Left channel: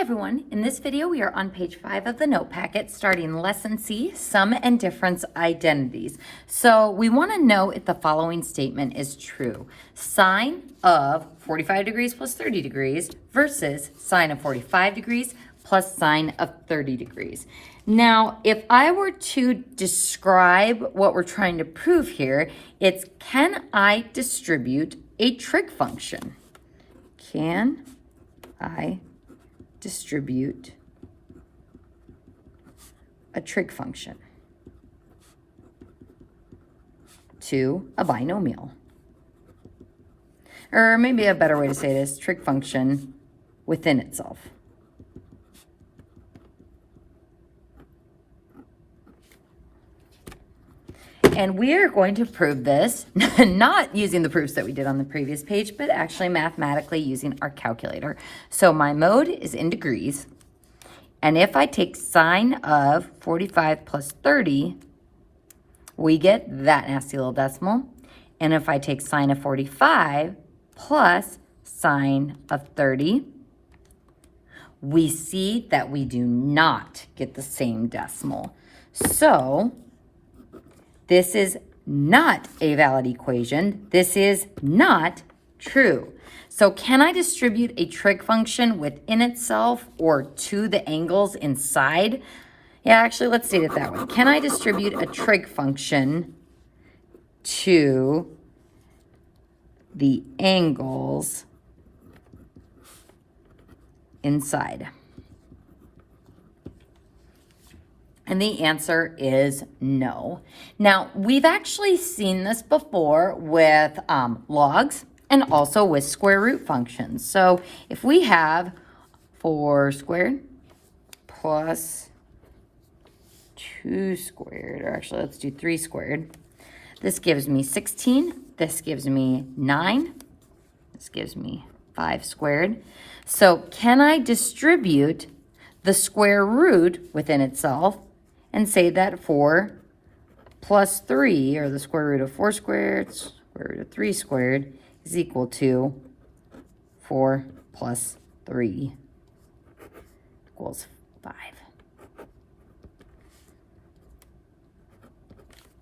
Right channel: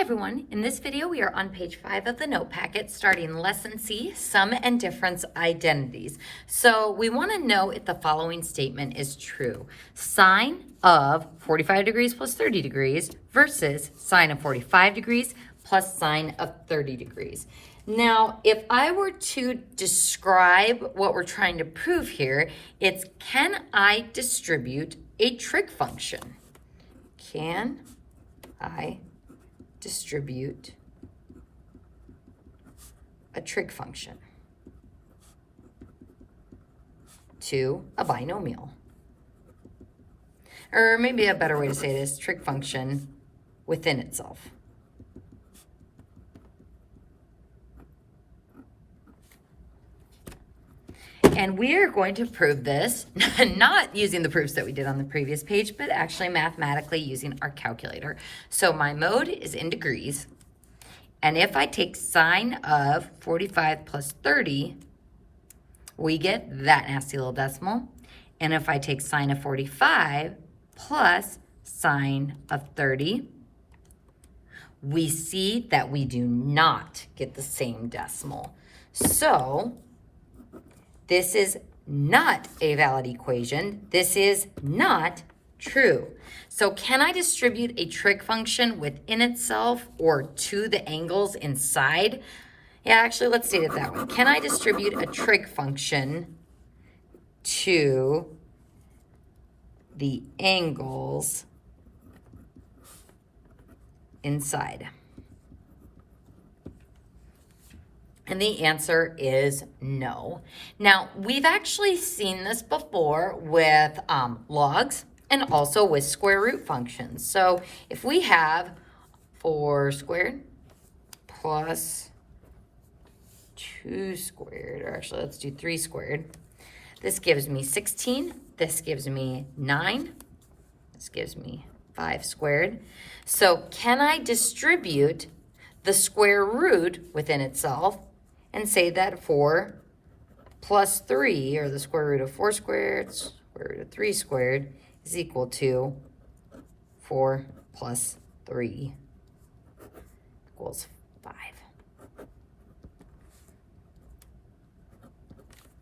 Hi everyone, in this video we are on page 5 of the note packet starting lesson C, sum and difference identities. So we want to know if the following statement is true. Sine of 45 degrees plus 30 degrees versus sine of 45 degrees plus sine of 30 degrees. Now, if I were to describe what we're trying to prove here, it's can I distribute a trig function? Can I distribute a trig function to a binomial? Or maybe a better way to say it is trig function within itself. And we are going to prove this, not using the proofs that we did on the previous page, but actually mathematically using our calculator. So my mode is in degrees. And if I take sine of 45 plus 30, we get that nasty little decimal. And if I take sine of 45 plus sine of 30, we see that we do not get the same decimal. So this is not a valid equation. This is not true. So can I distribute a trig function within itself or to the angles inside? Yeah, actually, let's state it that way. Can I distribute a trig function to the angles inside? And the answer is no. Now, we've actually seen this before with logs and also with square root functions. So if we have 4 squared plus 2 squared, or actually let's do 3 squared. This gives me 16, this gives me 9, this gives me 5 squared. So can I distribute the square root within itself and say that 4 plus 3, or the square root of 4 squared, square root of 3 squared, is equal to 4 plus 3 equals 5.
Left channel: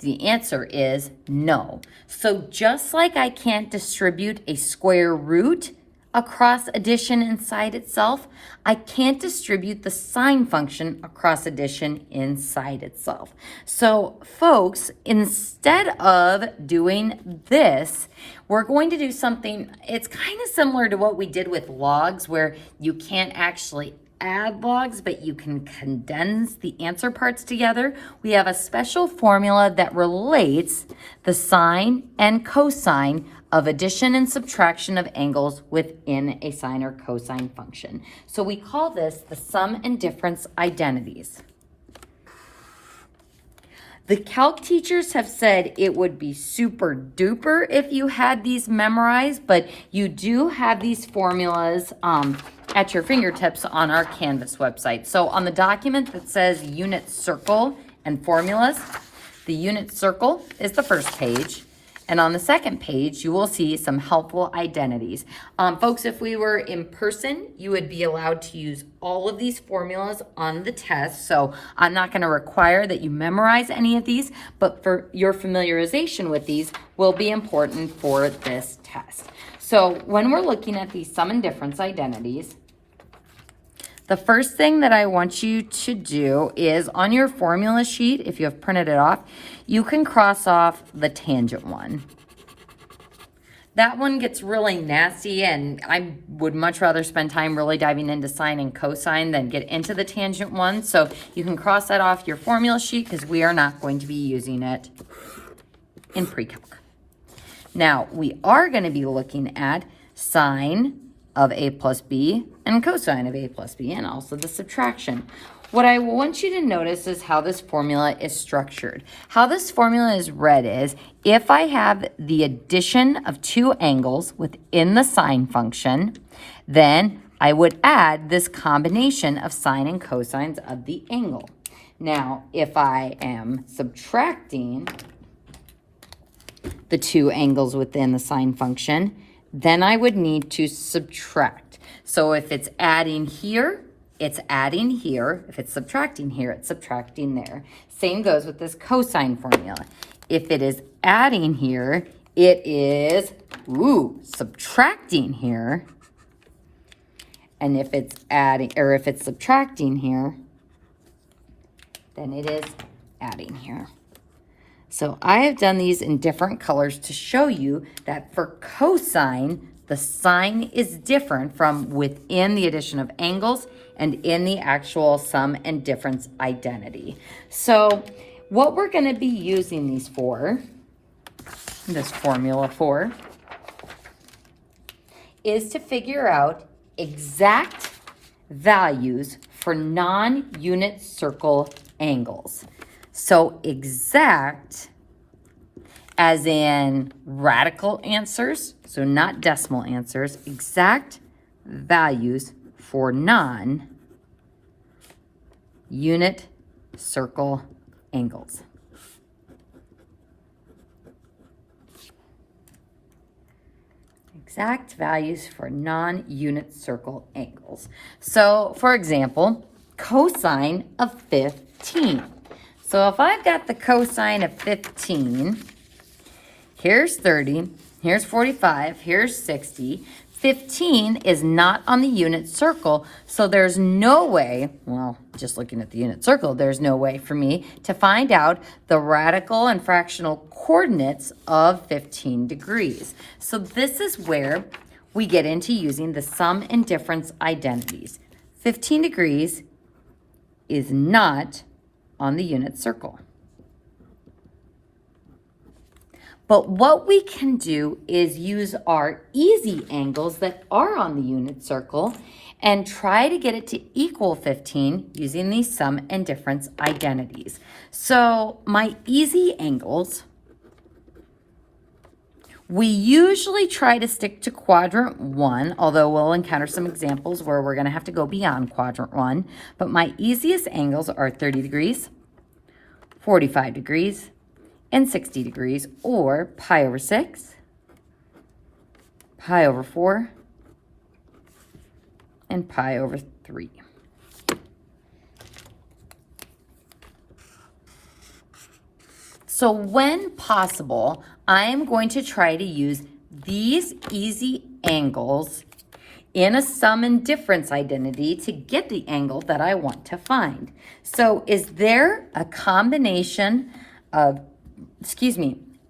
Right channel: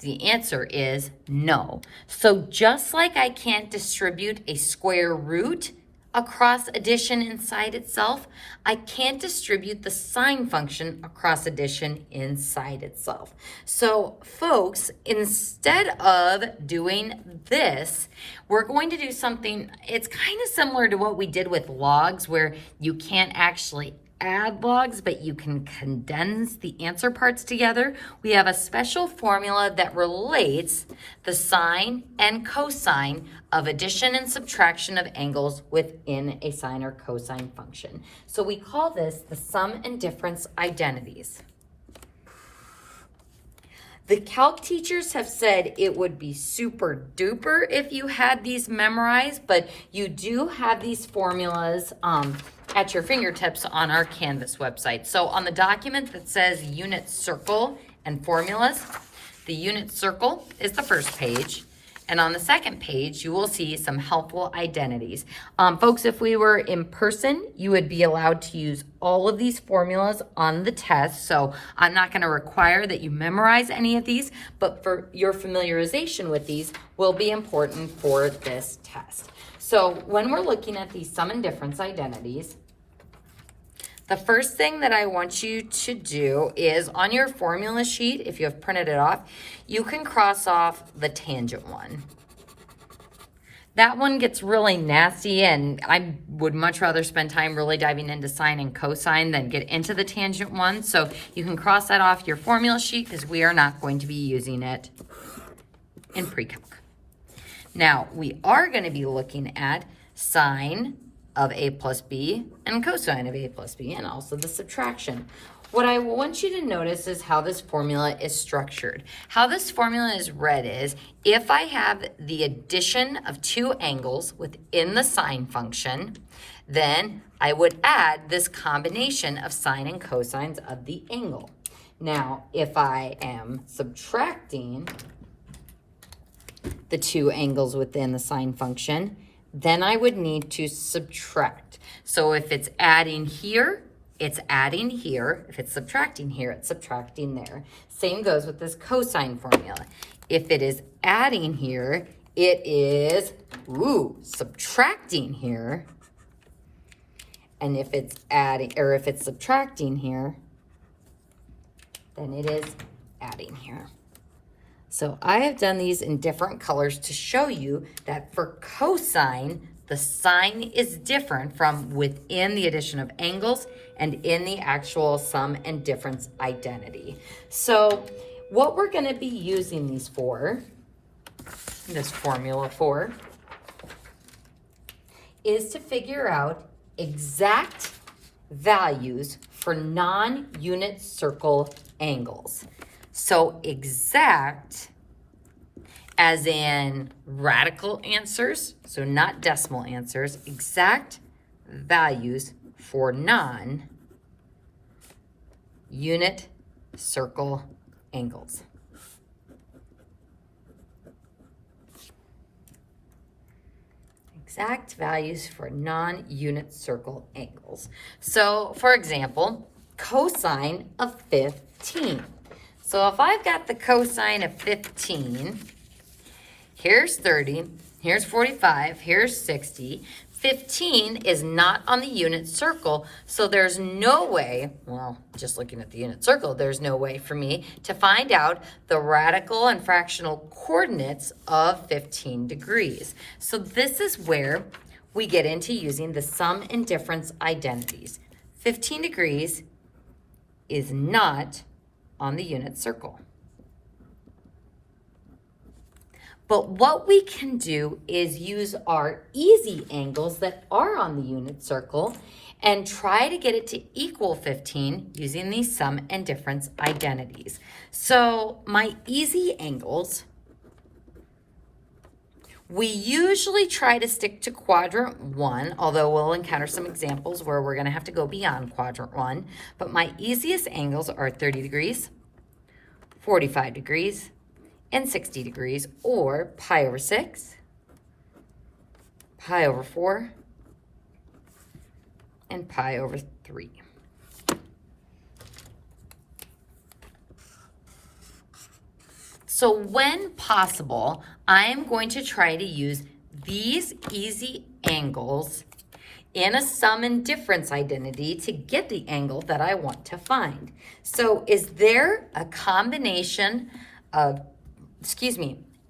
The answer is no. So just like I can't distribute a square root across addition inside itself, I can't distribute the sine function across addition inside itself. So folks, instead of doing this, we're going to do something, it's kind of similar to what we did with logs, where you can't actually add logs, but you can condense the answer parts together. We have a special formula that relates the sine and cosine of addition and subtraction of angles within a sine or cosine function. So we call this the sum and difference identities. The calc teachers have said it would be super duper if you had these memorized, but you do have these formulas at your fingertips on our Canvas website. So on the document that says unit circle and formulas, the unit circle is the first page. And on the second page, you will see some helpful identities. Folks, if we were in person, you would be allowed to use all of these formulas on the test. So I'm not going to require that you memorize any of these, but for your familiarization with these will be important for this test. So when we're looking at these sum and difference identities, the first thing that I want you to do is on your formula sheet, if you have printed it off, you can cross off the tangent one. That one gets really nasty, and I would much rather spend time really diving into sine and cosine than get into the tangent one. So you can cross that off your formula sheet because we are not going to be using it in pre-calc. Now, we are going to be looking at sine of a plus b and cosine of a plus b, and also the subtraction. What I want you to notice is how this formula is structured. How this formula is read is, if I have the addition of two angles within the sine function, then I would add this combination of sine and cosines of the angle. Now, if I am subtracting the two angles within the sine function, then I would need to subtract. So if it's adding here, it's adding here. If it's subtracting here, it's subtracting there. Same goes with this cosine formula. If it is adding here, it is, subtracting here. And if it's adding, or if it's subtracting here, then it is adding here. So I have done these in different colors to show you that for cosine, the sign is different from within the addition of angles and in the actual sum and difference identity. So what we're going to be using these for, this formula for, is to figure out exact values for non-unit circle angles. So exact as in radical answers, so not decimal answers, exact values for non-unit circle angles. Exact values for non-unit circle angles. So, for example, cosine of 15. So if I've got the cosine of 15, here's 30, here's 45, here's 60. 15 is not on the unit circle, so there's no way, well, just looking at the unit circle, there's no way for me to find out the radical and fractional coordinates of 15 degrees. So this is where we get into using the sum and difference identities. 15 degrees is not on the unit circle. But what we can do is use our easy angles that are on the unit circle and try to get it to equal 15 using these sum and difference identities. So my easy angles, we usually try to stick to quadrant 1, although we'll encounter some examples where we're going to have to go beyond quadrant 1. But my easiest angles are 30 degrees, 45 degrees, and 60 degrees, or pi over 6, pi over 4, and pi over 3. So when possible, I am going to try to use these easy angles in a sum and difference identity to get the angle that I want to find. So is there a combination of,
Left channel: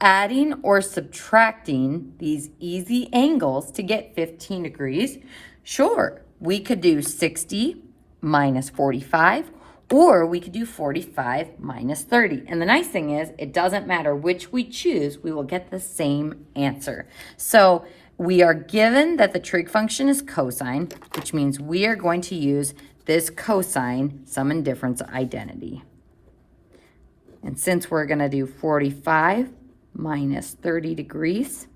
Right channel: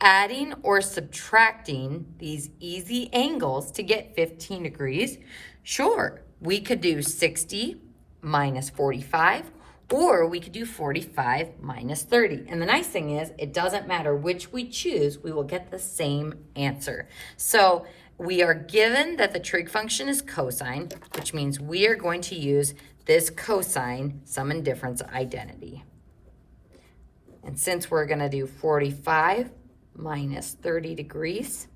adding or subtracting these easy angles to get 15 degrees? Sure, we could do 60 minus 45, or we could do 45 minus 30. And the nice thing is, it doesn't matter which we choose, we will get the same answer. So we are given that the trig function is cosine, which means we are going to use this cosine sum and difference identity. And since we're going to do 45 minus 30 degrees,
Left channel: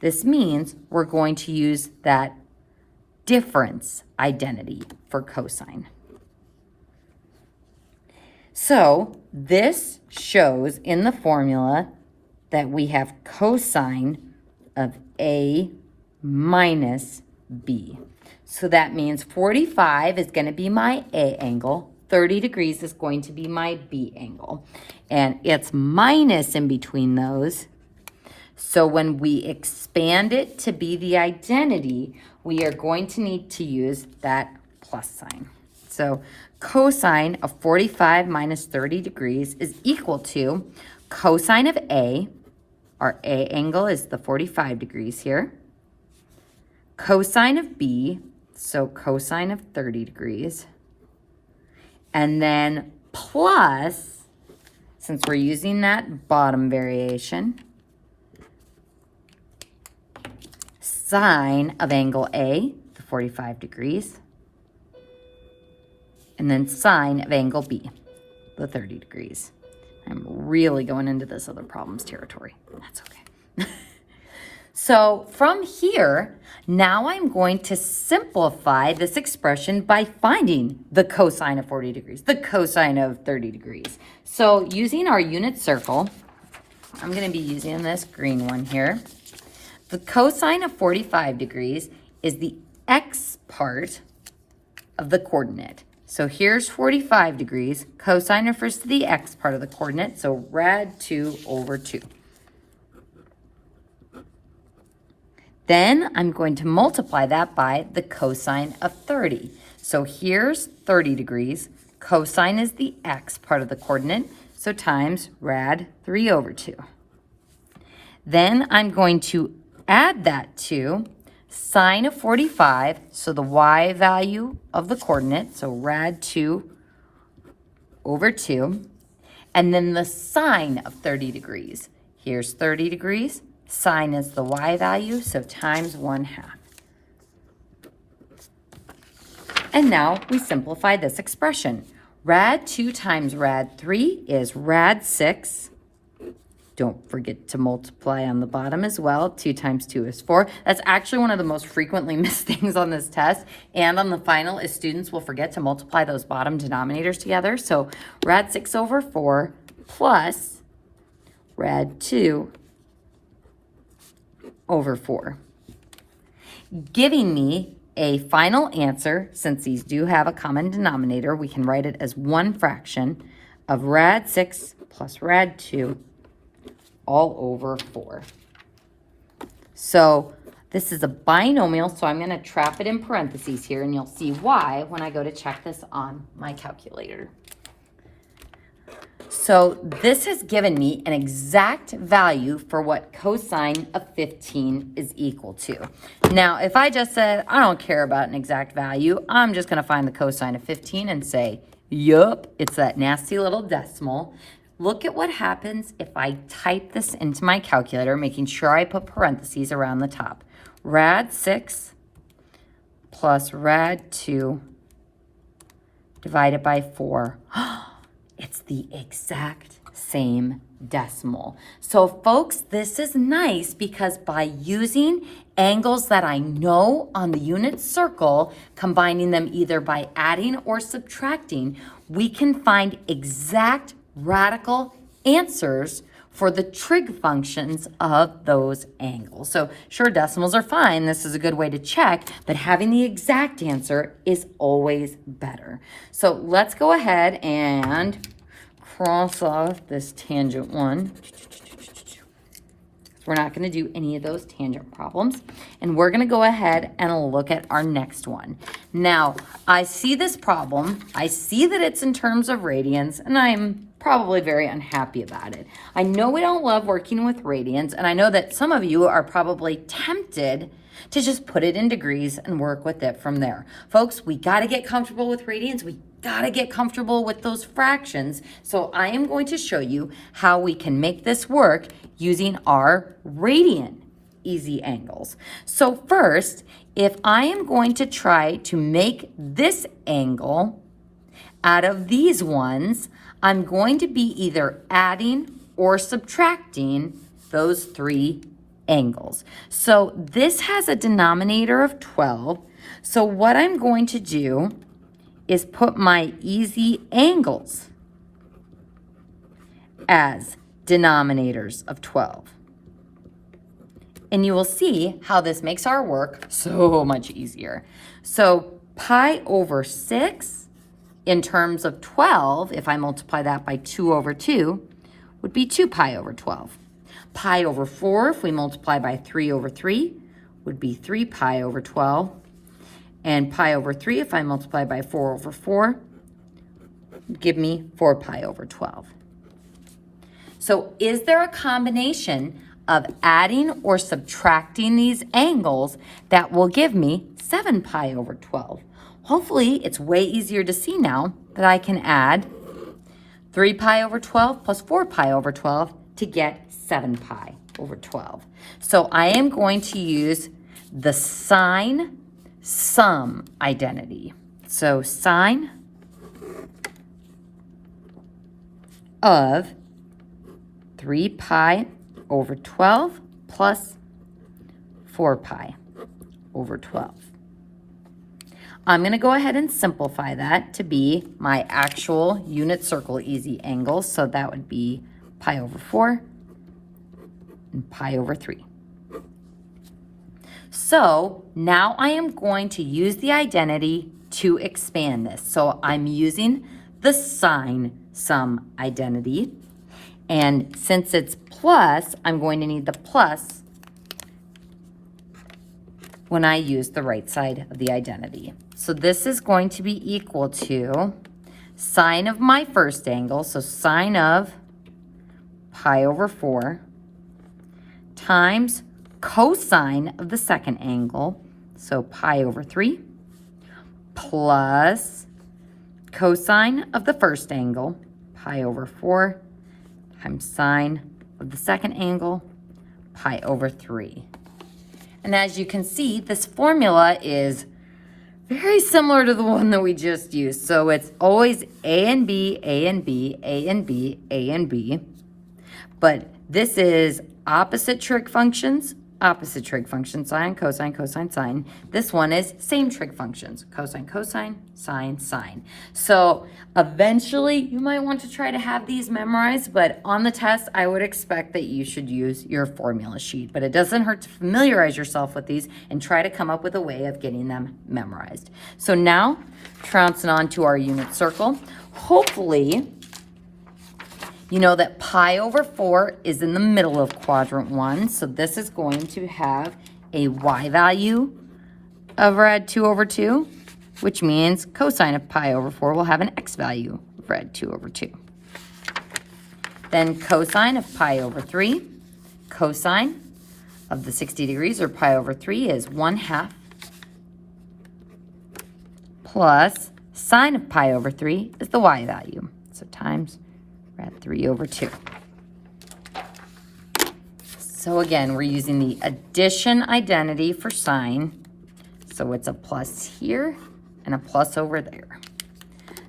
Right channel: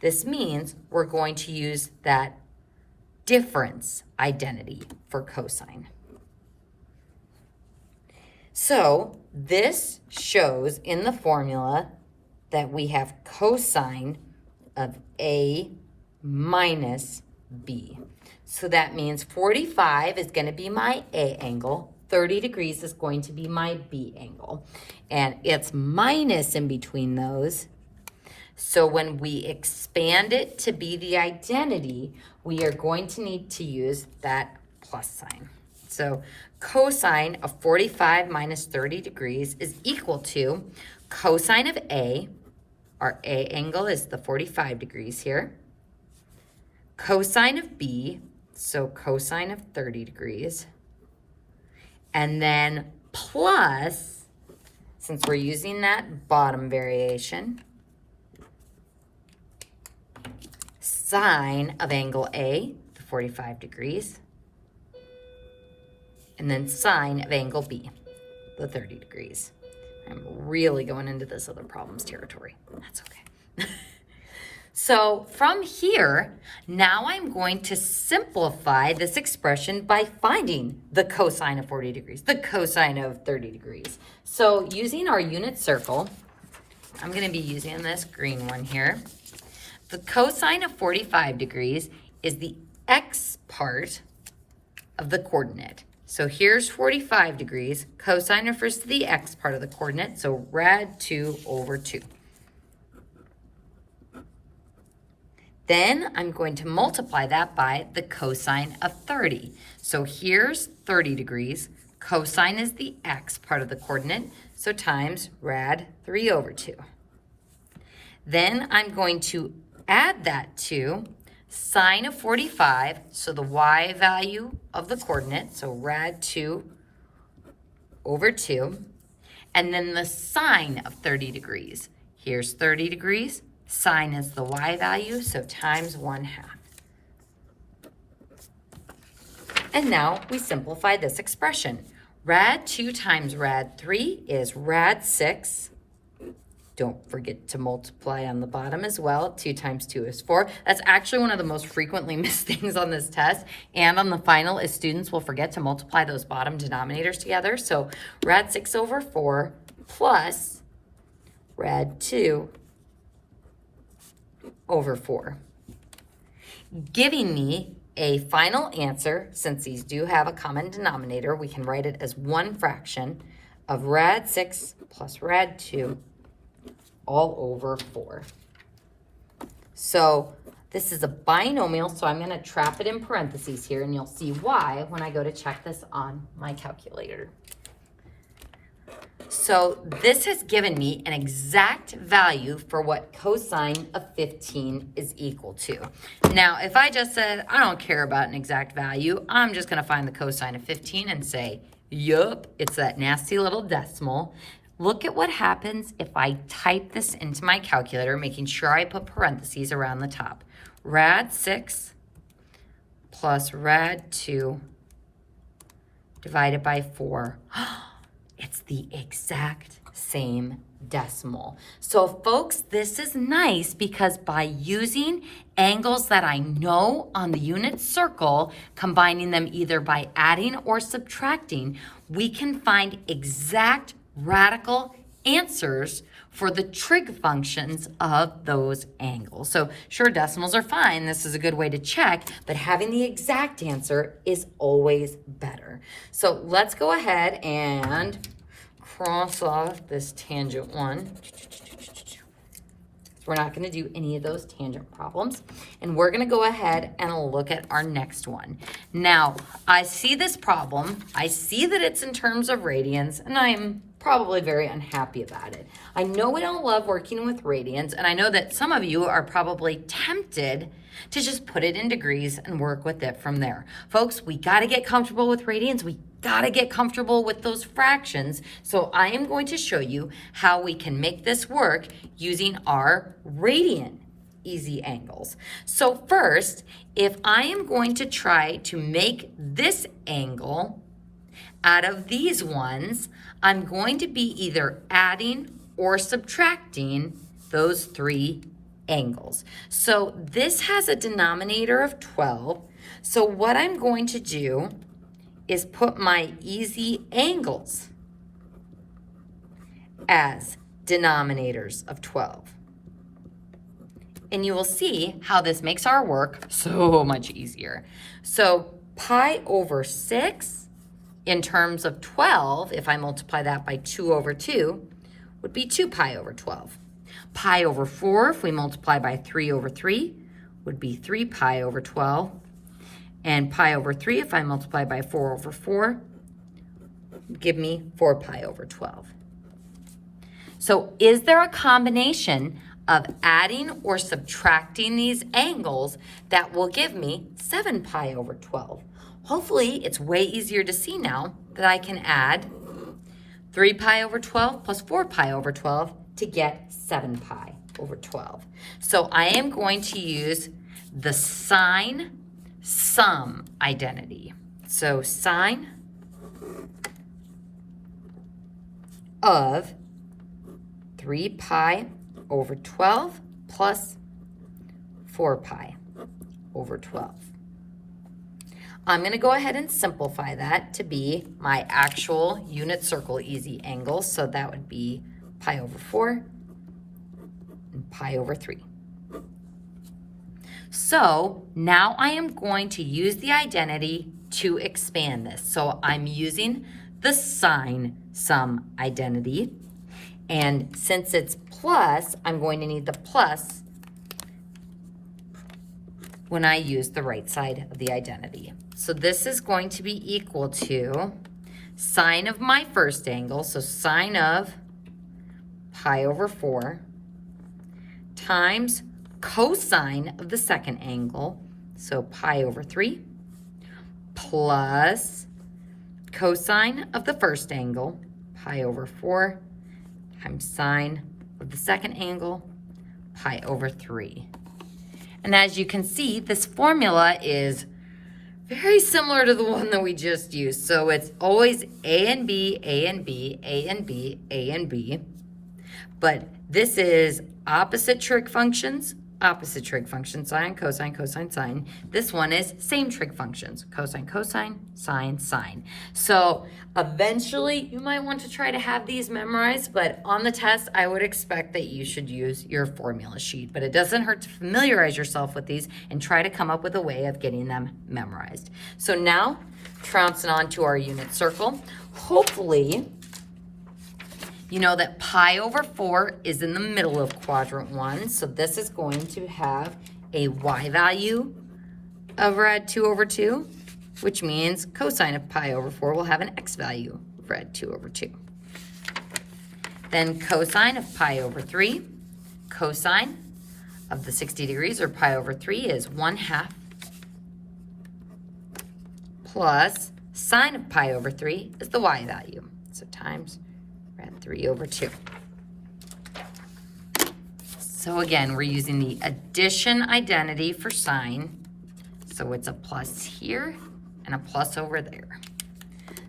this means we're going to use that difference identity for cosine. So this shows in the formula that we have cosine of A minus B. So that means 45 is going to be my A angle. 30 degrees is going to be my B angle. And it's minus in between those. So when we expand it to be the identity, we are going to need to use that plus sign. So cosine of 45 minus 30 degrees is equal to cosine of A. Our A angle is the 45 degrees here. Cosine of B, so cosine of 30 degrees. And then plus, since we're using that bottom variation, sine of angle A, the 45 degrees. And then sine of angle B, the 30 degrees. I'm really going into this other problems territory. That's okay. So from here, now I'm going to simplify this expression by finding the cosine of 40 degrees, the cosine of 30 degrees. So using our unit circle, I'm going to be using this green one here. The cosine of 45 degrees is the x part of the coordinate. So here's 45 degrees. Cosine refers to the x part of the coordinate, so rad 2 over 2. Then I'm going to multiply that by the cosine of 30. So here's 30 degrees. Cosine is the x part of the coordinate, so times rad 3 over 2. Then I'm going to add that to sine of 45, so the y value of the coordinate, so rad 2 over 2, and then the sine of 30 degrees. Here's 30 degrees. Sine is the y value, so times 1/2. And now we simplify this expression. Rad 2 times rad 3 is rad 6. Don't forget to multiply on the bottom as well. 2 times 2 is 4. That's actually one of the most frequently missed things on this test. And on the final is students will forget to multiply those bottom denominators together. So rad 6 over 4 plus rad 2 over 4. Giving me a final answer, since these do have a common denominator, we can write it as 1 fraction of rad 6 plus rad 2 all over 4. So this is a binomial, so I'm going to trap it in parentheses here, and you'll see why when I go to check this on my calculator. So this has given me an exact value for what cosine of 15 is equal to. Now, if I just said, I don't care about an exact value, I'm just going to find the cosine of 15 and say, yup, it's that nasty little decimal. Look at what happens if I type this into my calculator, making sure I put parentheses around the top. Rad 6 plus rad 2 divided by 4. It's the exact same decimal. So folks, this is nice because by using angles that I know on the unit circle, combining them either by adding or subtracting, we can find exact radical answers for the trig functions of those angles. So sure, decimals are fine. This is a good way to check, but having the exact answer is always better. So let's go ahead and cross off this tangent one. We're not going to do any of those tangent problems. And we're going to go ahead and look at our next one. Now, I see this problem. I see that it's in terms of radians, and I'm probably very unhappy about it. I know we don't love working with radians, and I know that some of you are probably tempted to just put it in degrees and work with it from there. Folks, we got to get comfortable with radians. We got to get comfortable with those fractions. So I am going to show you how we can make this work using our radian easy angles. So first, if I am going to try to make this angle out of these ones, I'm going to be either adding or subtracting those 3 angles. So this has a denominator of 12. So what I'm going to do is put my easy angles as denominators of 12. And you will see how this makes our work so much easier. So pi over 6 in terms of 12, if I multiply that by 2 over 2, would be 2 pi over 12. Pi over 4, if we multiply by 3 over 3, would be 3 pi over 12. And pi over 3, if I multiply by 4 over 4, would give me 4 pi over 12. So is there a combination of adding or subtracting these angles that will give me 7 pi over 12? Hopefully, it's way easier to see now that I can add 3 pi over 12 plus 4 pi over 12 to get 7 pi over 12. So I am going to use the sine sum identity. So sine of 3 pi over 12 plus 4 pi over 12. I'm going to go ahead and simplify that to be my actual unit circle easy angles. So that would be pi over 4 and pi over 3. So now I am going to use the identity to expand this. So I'm using the sine sum identity. And since it's plus, I'm going to need the plus when I use the right side of the identity. So this is going to be equal to sine of my first angle, so sine of pi over 4, times cosine of the second angle, so pi over 3, plus cosine of the first angle, pi over 4, times sine of the second angle, pi over 3. And as you can see, this formula is very similar to the one that we just used. So it's always A and B, A and B, A and B, A and B. But this is opposite trig functions, sine, cosine, cosine, sine. This one is same trig functions, cosine, cosine, sine, sine. So eventually you might want to try to have these memorized, but on the test, I would expect that you should use your formula sheet. But it doesn't hurt to familiarize yourself with these and try to come up with a way of getting them memorized. So now, trouncing on to our unit circle. Hopefully, you know that pi over 4 is in the middle of quadrant 1, so this is going to have a y value of rad 2 over 2, which means cosine of pi over 4 will have an x value of rad 2 over 2. Then cosine of pi over 3, cosine of the 60 degrees, or pi over 3, is 1/2, plus sine of pi over 3 is the y value, so times rad 3 over 2. So again, we're using the addition identity for sine. So it's a plus here and a plus over there.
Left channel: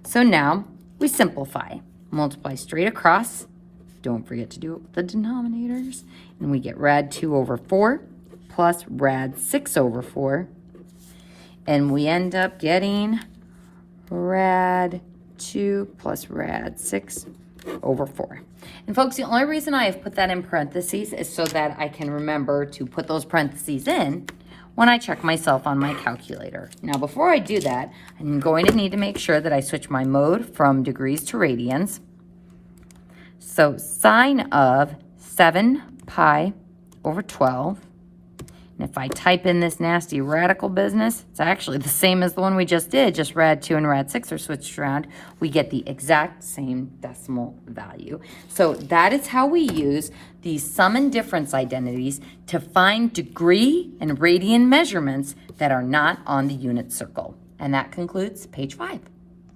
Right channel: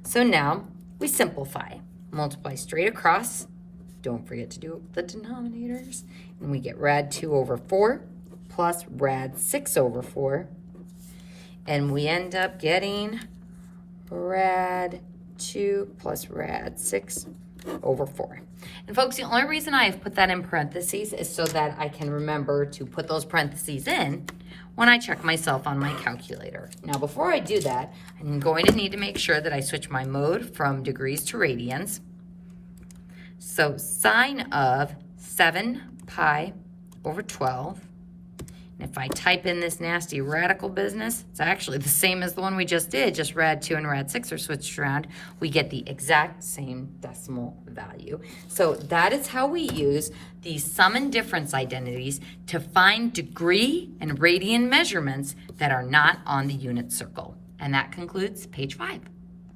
So now we simplify. Multiply straight across. Don't forget to do it with the denominators. And we get rad 2 over 4 plus rad 6 over 4. And we end up getting rad 2 plus rad 6 over 4. And folks, the only reason I have put that in parentheses is so that I can remember to put those parentheses in when I check myself on my calculator. Now, before I do that, I'm going to need to make sure that I switch my mode from degrees to radians. So sine of 7 pi over 12. And if I type in this nasty radical business, it's actually the same as the one we just did, just rad 2 and rad 6 are switched around. We get the exact same decimal value. So that is how we use these sum and difference identities to find degree and radian measurements that are not on the unit circle. And that concludes page 5.